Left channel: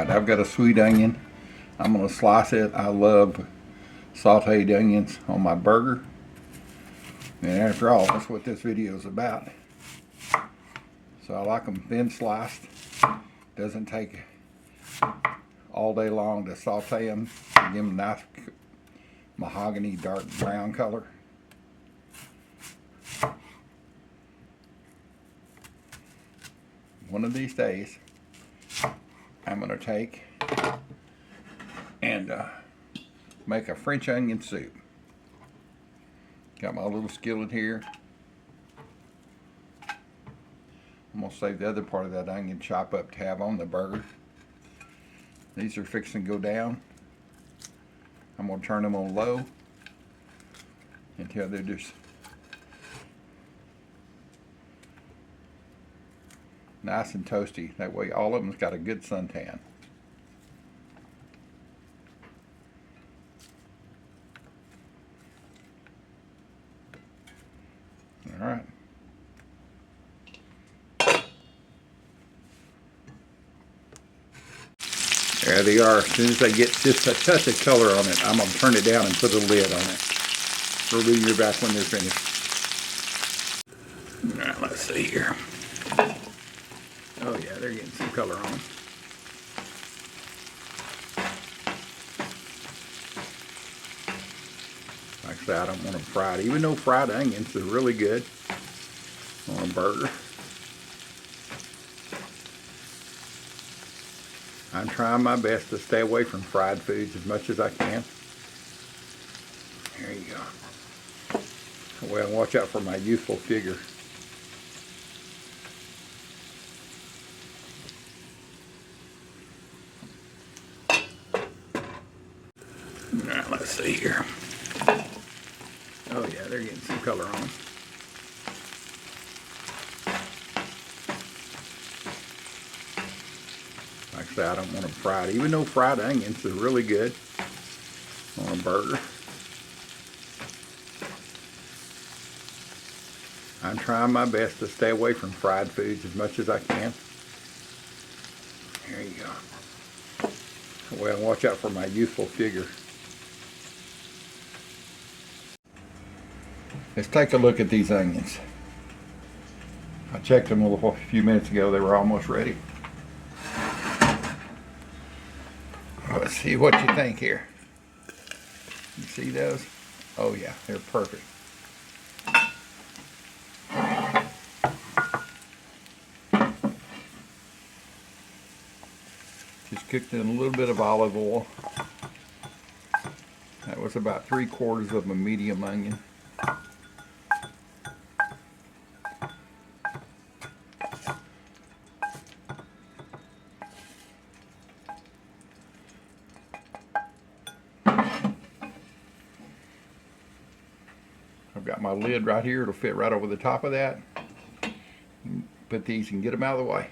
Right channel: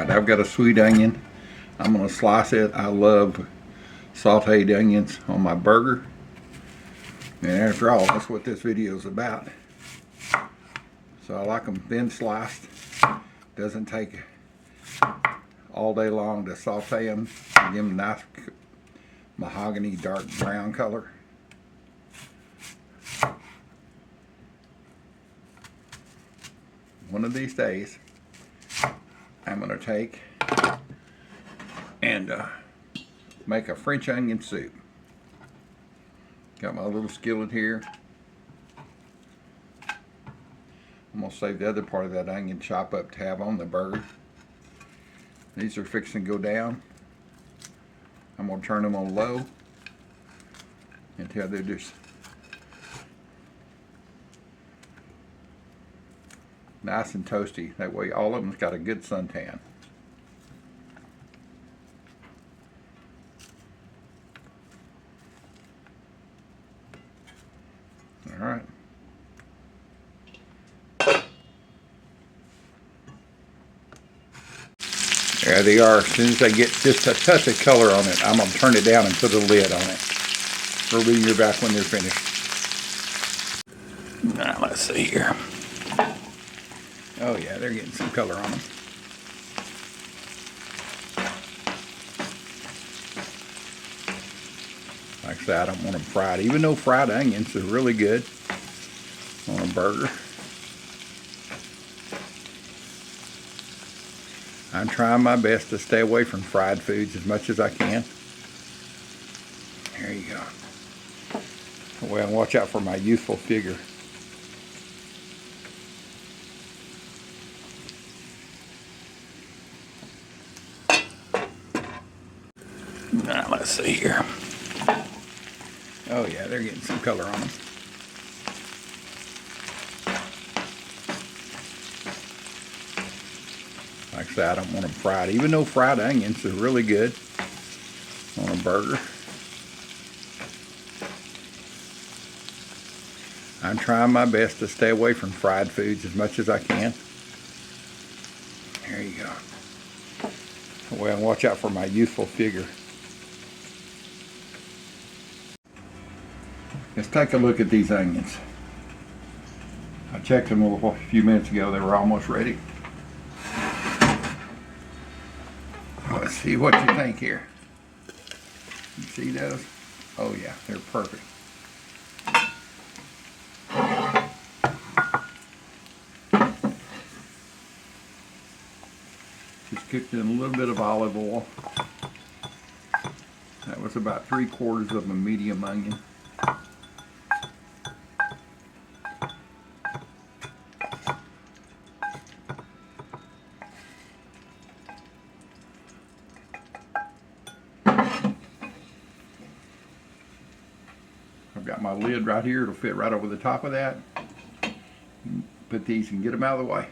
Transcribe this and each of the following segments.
Alright, I've got a sweet onion. I'm going to slice it. I love sauteed onions on my burger. And after all, that's what this video is about. So I like them thin sliced. Doesn't take all day long to saute them. Give them a nice mahogany dark brown color. One of these days, I'm going to take and make a French onion soup. Got my little skillet here. I'm going to save the other part of that onion chop up to have on the burger. These are fixing to go down. I'm going to turn them on low until they're just nice and toasty. That way all of them's got a good suntan. All right. There they are. As soon as I get just a touch of color on it, I'm going to turn it down and put a lid on it. We'll be back when they're finished. Now, let's see here. Oh yeah, they're getting some color on them. Like I said, I don't want them fried, even though fried onions are really good on a burger. I'm trying my best to stay away from fried foods as much as I can. There you go. Well, watch out for my youthful figure. Now, let's see here. Oh yeah, they're getting some color on them. Like I said, I don't want them fried, even though fried onions are really good on a burger. I'm trying my best to stay away from fried foods as much as I can. There you go. Well, watch out for my youthful figure. Let's take a look at these onions. I checked them a few minutes ago. They were almost ready. Let's see what you think here. You see those? Oh yeah, they're perfect. Just cooked in a little bit of olive oil. That was about 3/4 of a medium onion. I've got my lid right here. It'll fit right over the top of that. Put these and get them out of the way.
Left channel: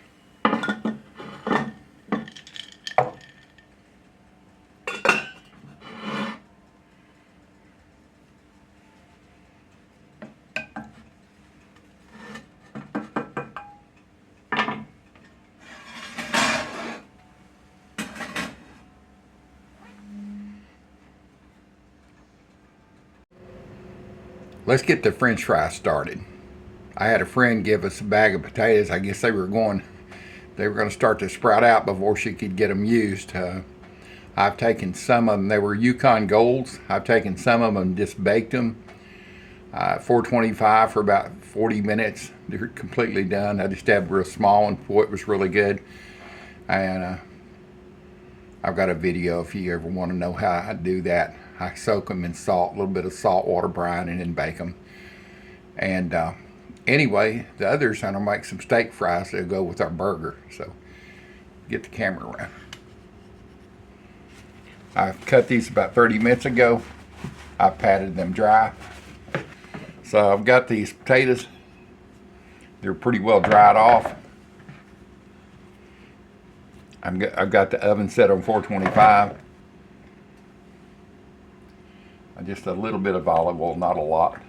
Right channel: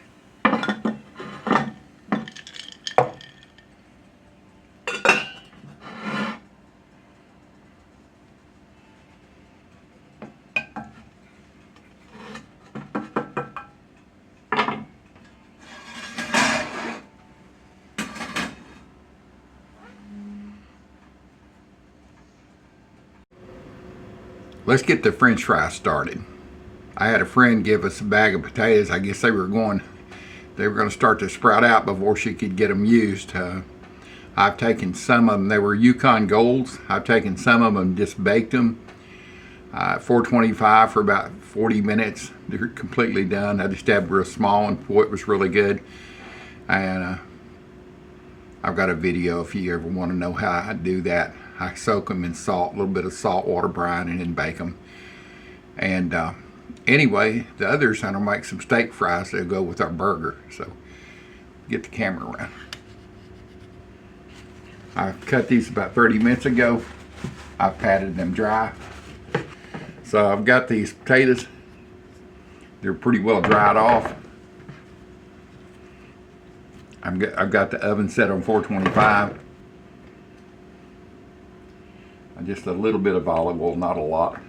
Let's get the French fries started. I had a friend give us a bag of potatoes. I guess they were going to start to sprout out before she could get them used. I've taken some of them. They were Yukon Golds. I've taken some of them and just baked them. 425 for about 40 minutes. They're completely done. I just had a real small one. Boy, it was really good. And I've got a video if you ever want to know how I do that. I soak them in salt, a little bit of salt water brine, and then bake them. And anyway, the others, I'm going to make some steak fries that'll go with our burger. So, get the camera around. I cut these about 30 minutes ago. I patted them dry. So, I've got these potatoes. They're pretty well dried off. I've got the oven set on 425. Just a little bit of olive oil, not a lot.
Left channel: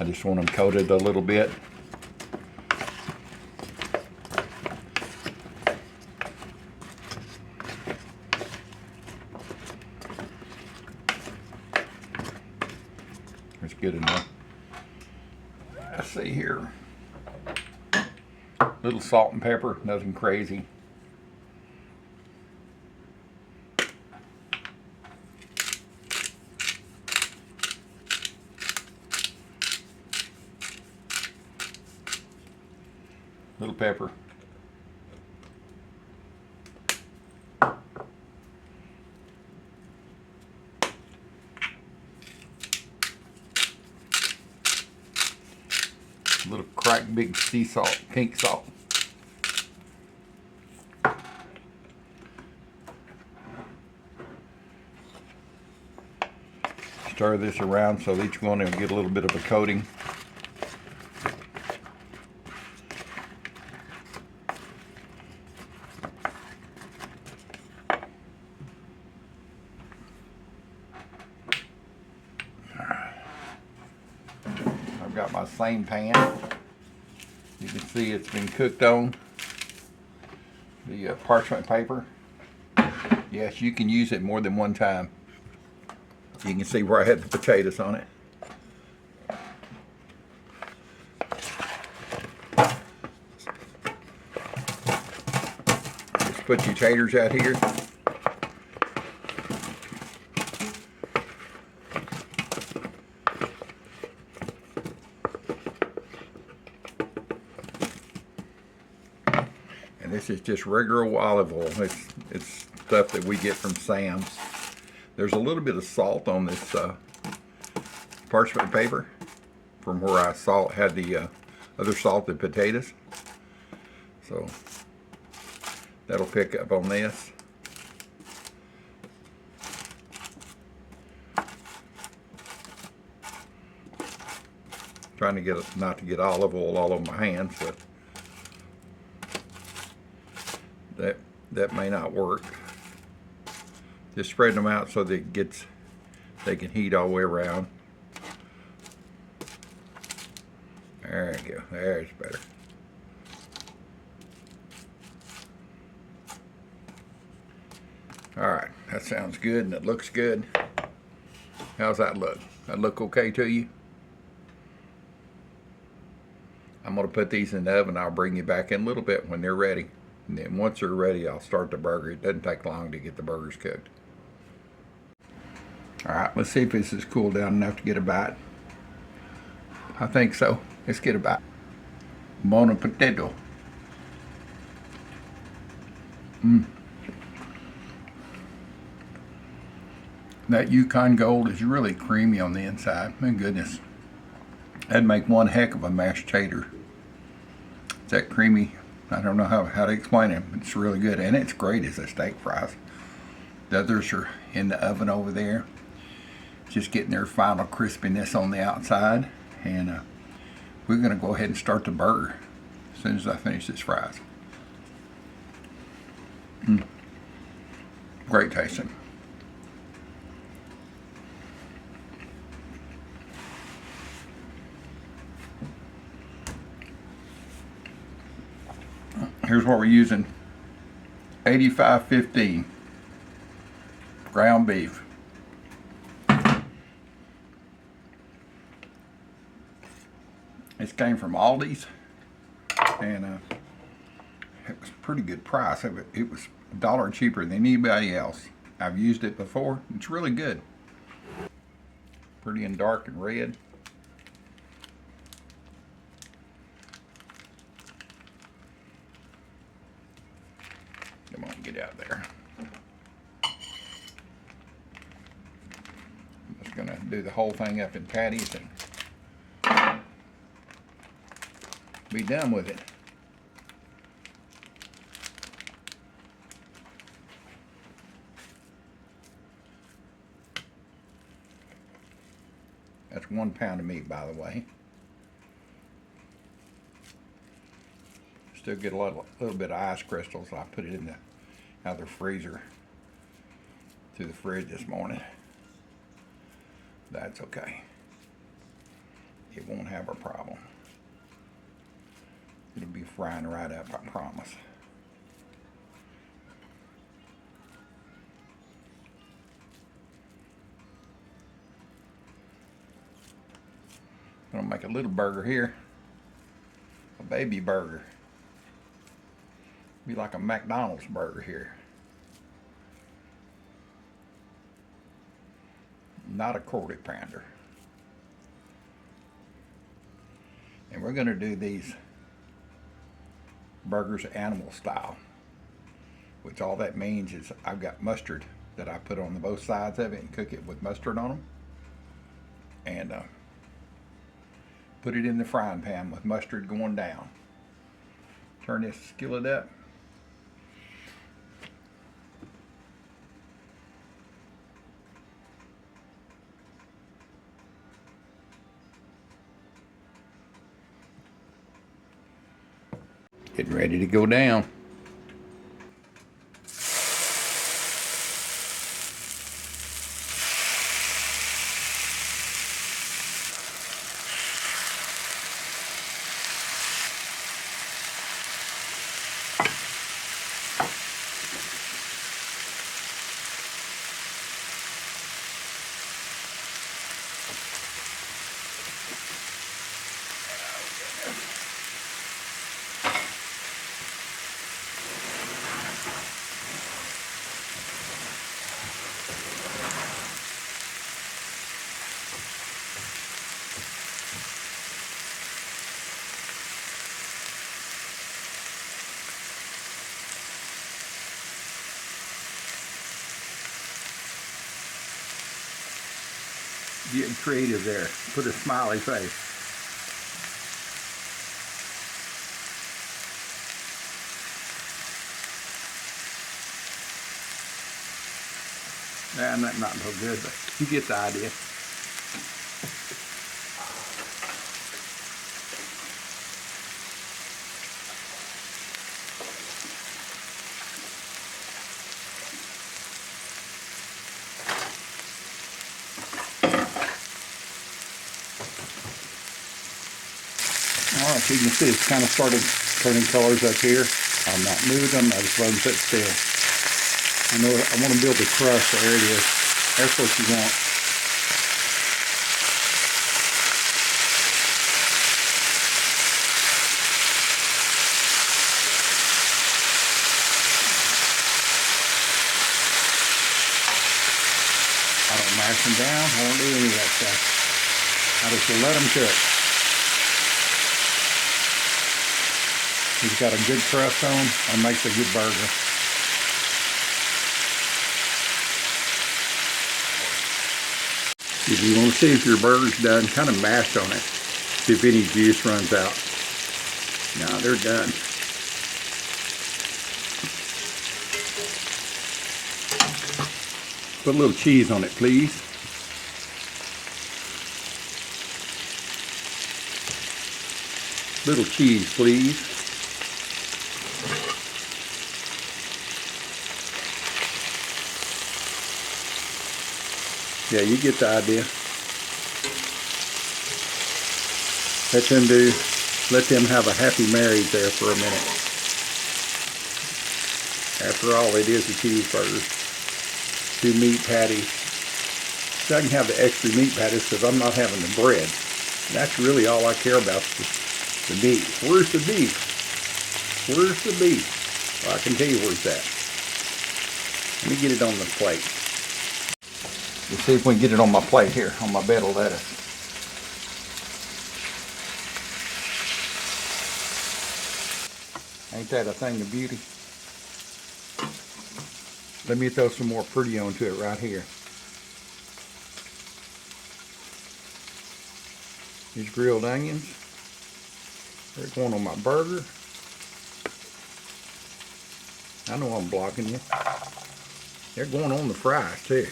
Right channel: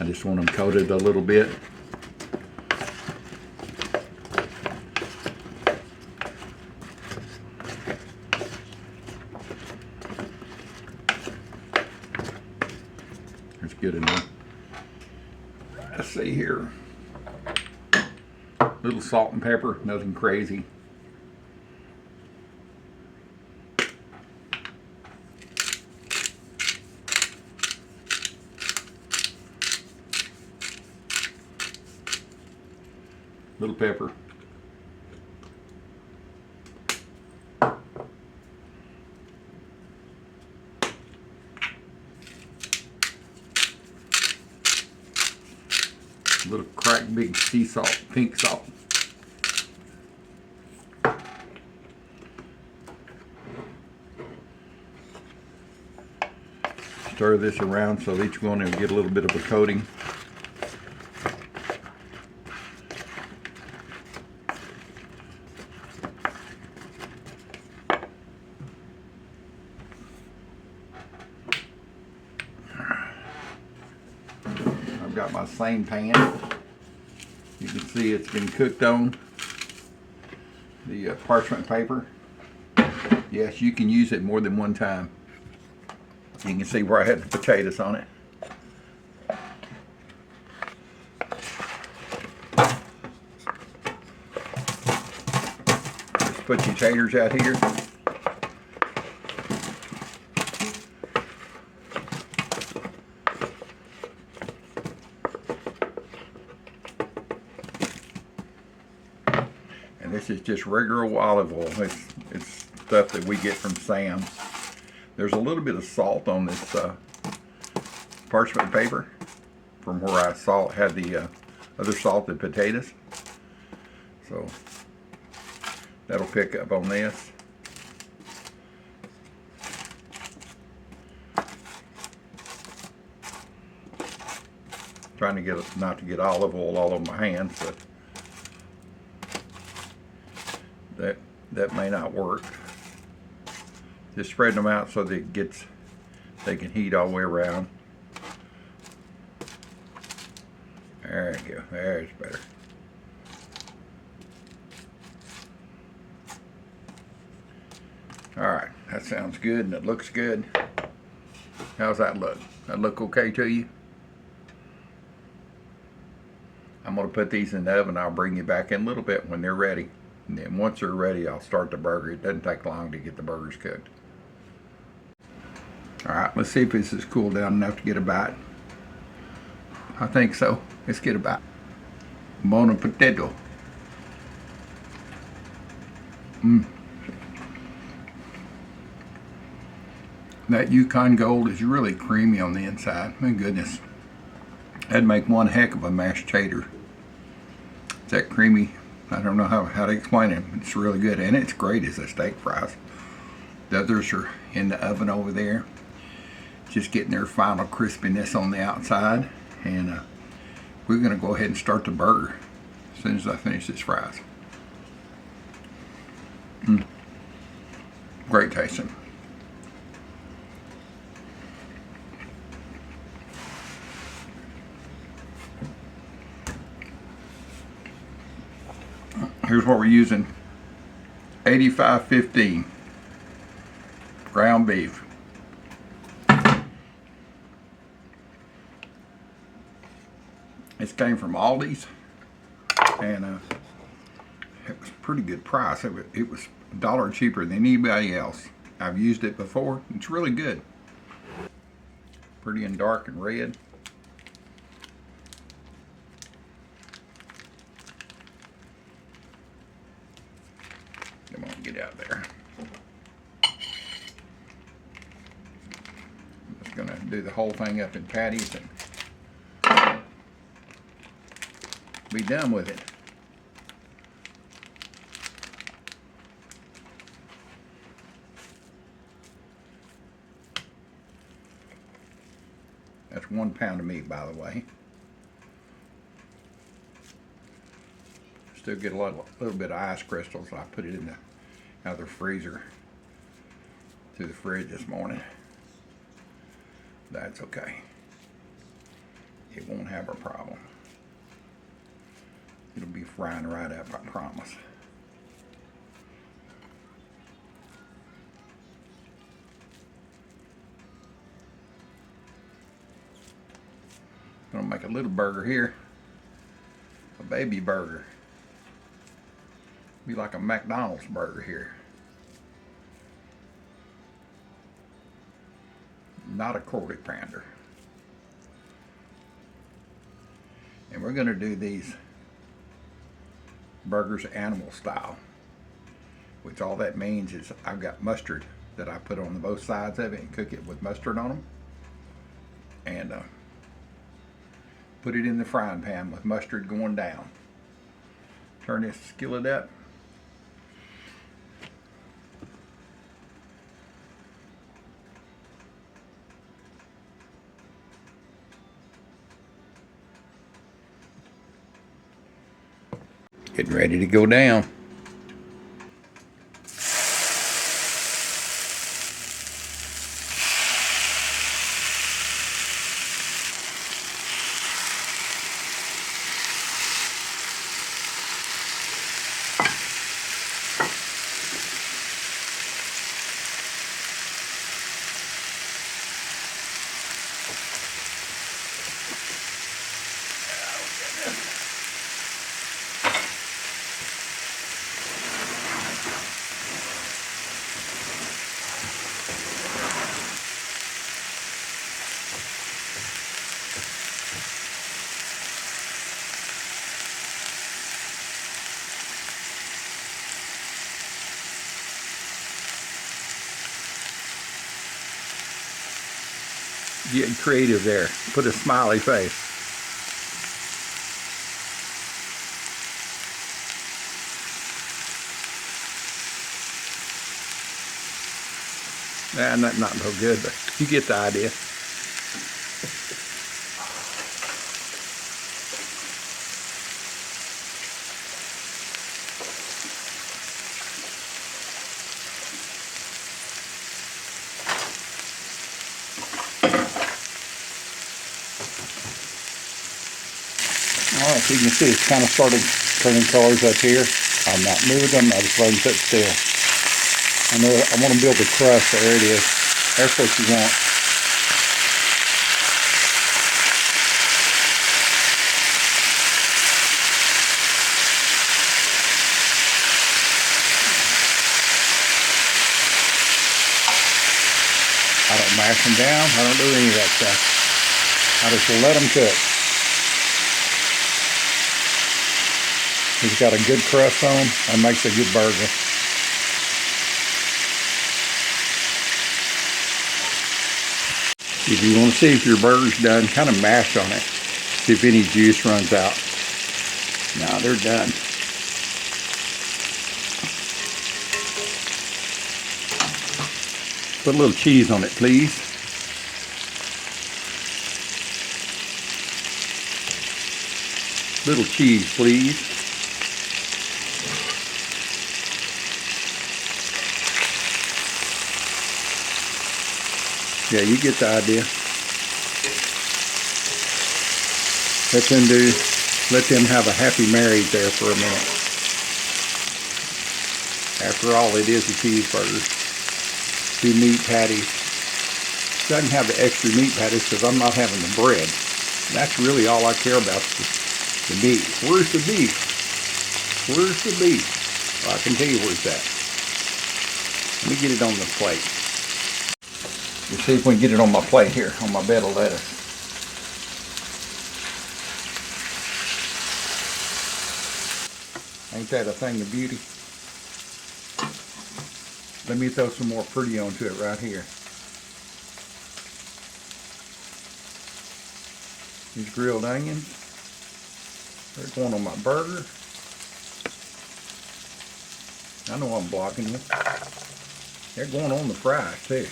I just want them coated a little bit. good enough. Let's see here. Little salt and pepper, nothing crazy. Little pepper. Little cracked big sea salt, pink salt. Stir this around so each one will get a little bit of a coating. I've got my same pan. You can see it's been cooked on the parchment paper. Yes, you can use it more than one time. You can see where I had the potatoes on it. Just put your taters out here. And this is just regular olive oil. It's stuff that we get from Sam's. There's a little bit of salt on this parchment paper from where I had the other salted potatoes. So that'll pick up on this. Trying to not to get olive oil all over my hands, so that may not work. Just spreading them out so that they can heat all the way around. There you go. There's better. All right, that sounds good and it looks good. How's that look? That look okay to you? I'm gonna put these in the oven. I'll bring you back in a little bit when they're ready. And then once they're ready, I'll start the burger. It doesn't take long to get the burgers cooked. All right, let's see if this is cooled down enough to get a bite. I think so. Let's get a bite. Bon potato. That Yukon Gold is really creamy on the inside. My goodness. That'd make one heck of a mashed tater. It's that creamy. I don't know how to explain it. It's really good, and it's great as a steak fries. The others are in the oven over there, just getting their final crispiness on the outside. And we're going to go ahead and start the burger as soon as I finish this fries. Great tasting. Here's what we're using. 85.15 ground beef. This came from Aldi's, and it was a pretty good price. It was $1 cheaper than anybody else. I've used it before. It's really good. Pretty and dark and red. Come on, get out there. I'm just gonna do the whole thing up in patties and be done with it. That's 1 pound of meat, by the way. Still get a little bit of ice crystals. I put it in the out of the freezer to the fridge this morning. That's okay. It won't have a problem. It'll be frying right up, I promise. gonna make a little burger here. A baby burger. Be like a McDonald's burger here. Not a quarter pounder. And we're gonna do these burgers animal style, which all that means is I've got mustard that I put on both sides of it and cook it with mustard on them, and put it in the frying pan with mustard going down. Turn this skillet up. Getting ready to go down. Getting creative there. Put a smiley face. Nah, not no good, but you get the idea. Alright, so you can see it's kind of started turning colors up here. I'm not moving them, I just let them sit still. I know I want to build a crust, so there it is. That's what you want. I don't mash them down, I don't do any of that stuff. I just let them cook. He's got a good crust on him and makes a good burger. If you want to see if your burger's done, kind of mash on it. See if any juice runs out. No, they're done. Put a little cheese on it, please. Little cheese, please. Yeah, you get the idea. Let them have a happy marriage there for a minute. After all, it is a cheeseburger. 2 meat patties. So I can have the extra meat patties because I'm not having the bread. That's really all I care about, the meat. Where's the beef? Where's the beef? Well, I can tell you where's that. Let me get it on the plate. Let's see if we can get it on my plate here, on my bed of lettuce. Ain't that a thing of beauty? Let me throw some more pretty onto it right here. These grilled onions, they're going on my burger. I know I'm blocking you. They're going on the fries too.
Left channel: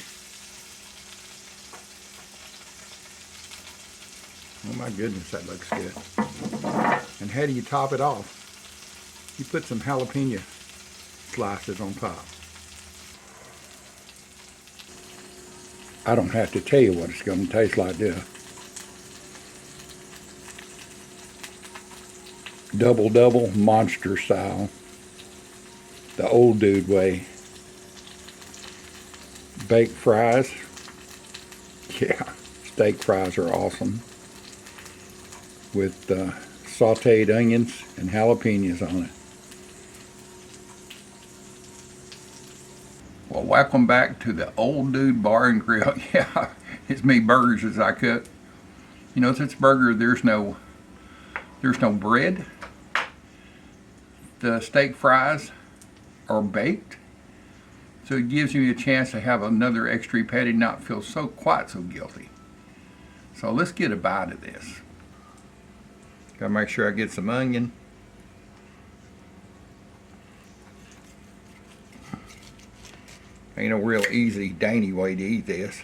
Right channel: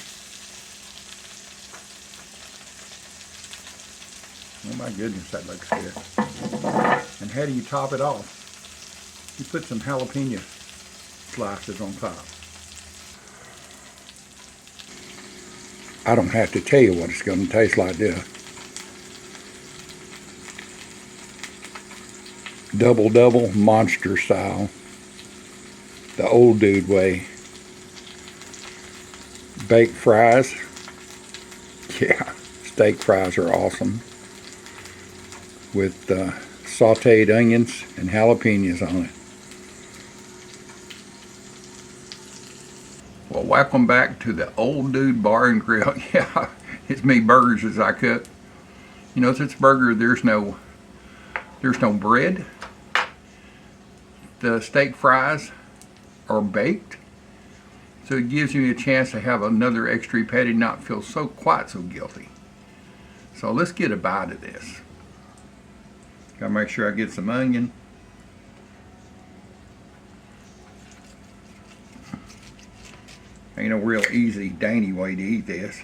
Oh my goodness, that looks good. And how do you top it off? You put some jalapeno slices on top. I don't have to tell you what it's going to taste like this. Double monster style. The old dude way. Baked fries. Yeah, steak fries are awesome. with sauteed onions and jalapenos on it. Well, welcome back to the Old Dude Bar and Grill. Yeah, it's me burgers as I cook. You know, since burger there's no bread. The steak fries are baked, so it gives you a chance to have another extra patty and not feel quite so guilty. So let's get a bite of this. Gotta make sure I get some onion. Ain't no real easy, dainty way to eat this.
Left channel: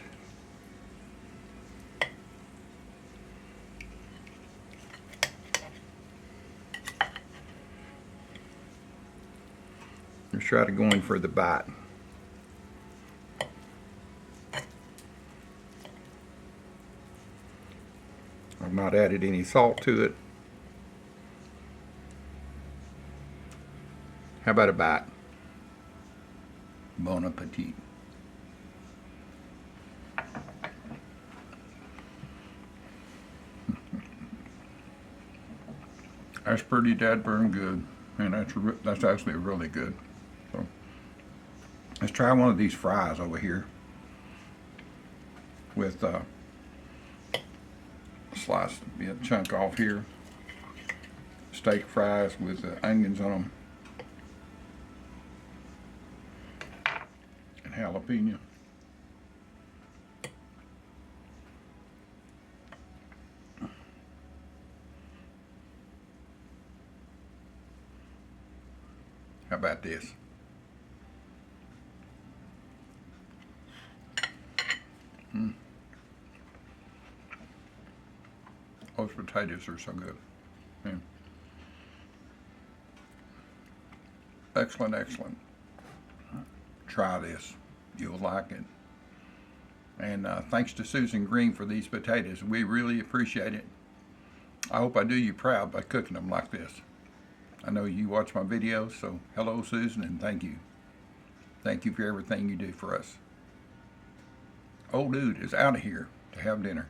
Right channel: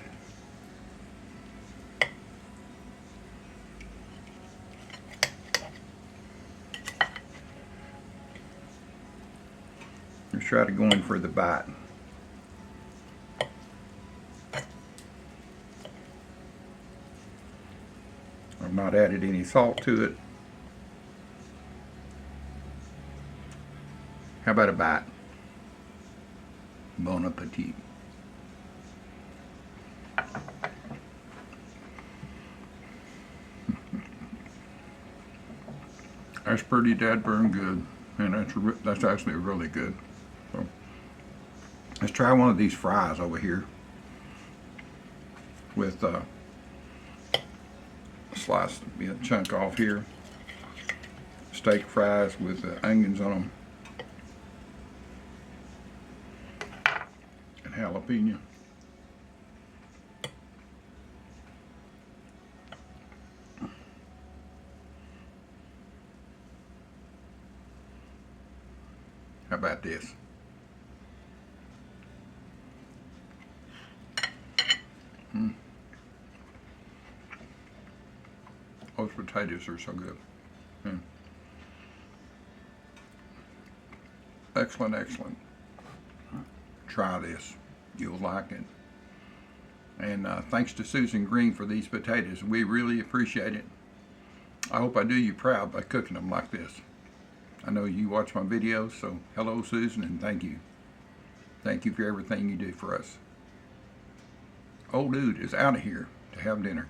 Just try to go in for the bite. I've not added any salt to it. How about a bite? Bon appetit. That's pretty dadburn good, and that's actually really good. So let's try one of these fries over here with slice a chunk off here. Steak fries with onions on them and jalapeno. How about this? Those potatoes are so good. Excellent, excellent. Try this. You'll like it. And thanks to Susan Green for these potatoes. We really appreciate it. I hope I do you proud by cooking them like this. I know you watch my videos, so hello Susan, and thank you. Thank you for everything you do for us. Old Dude is out of here to have dinner.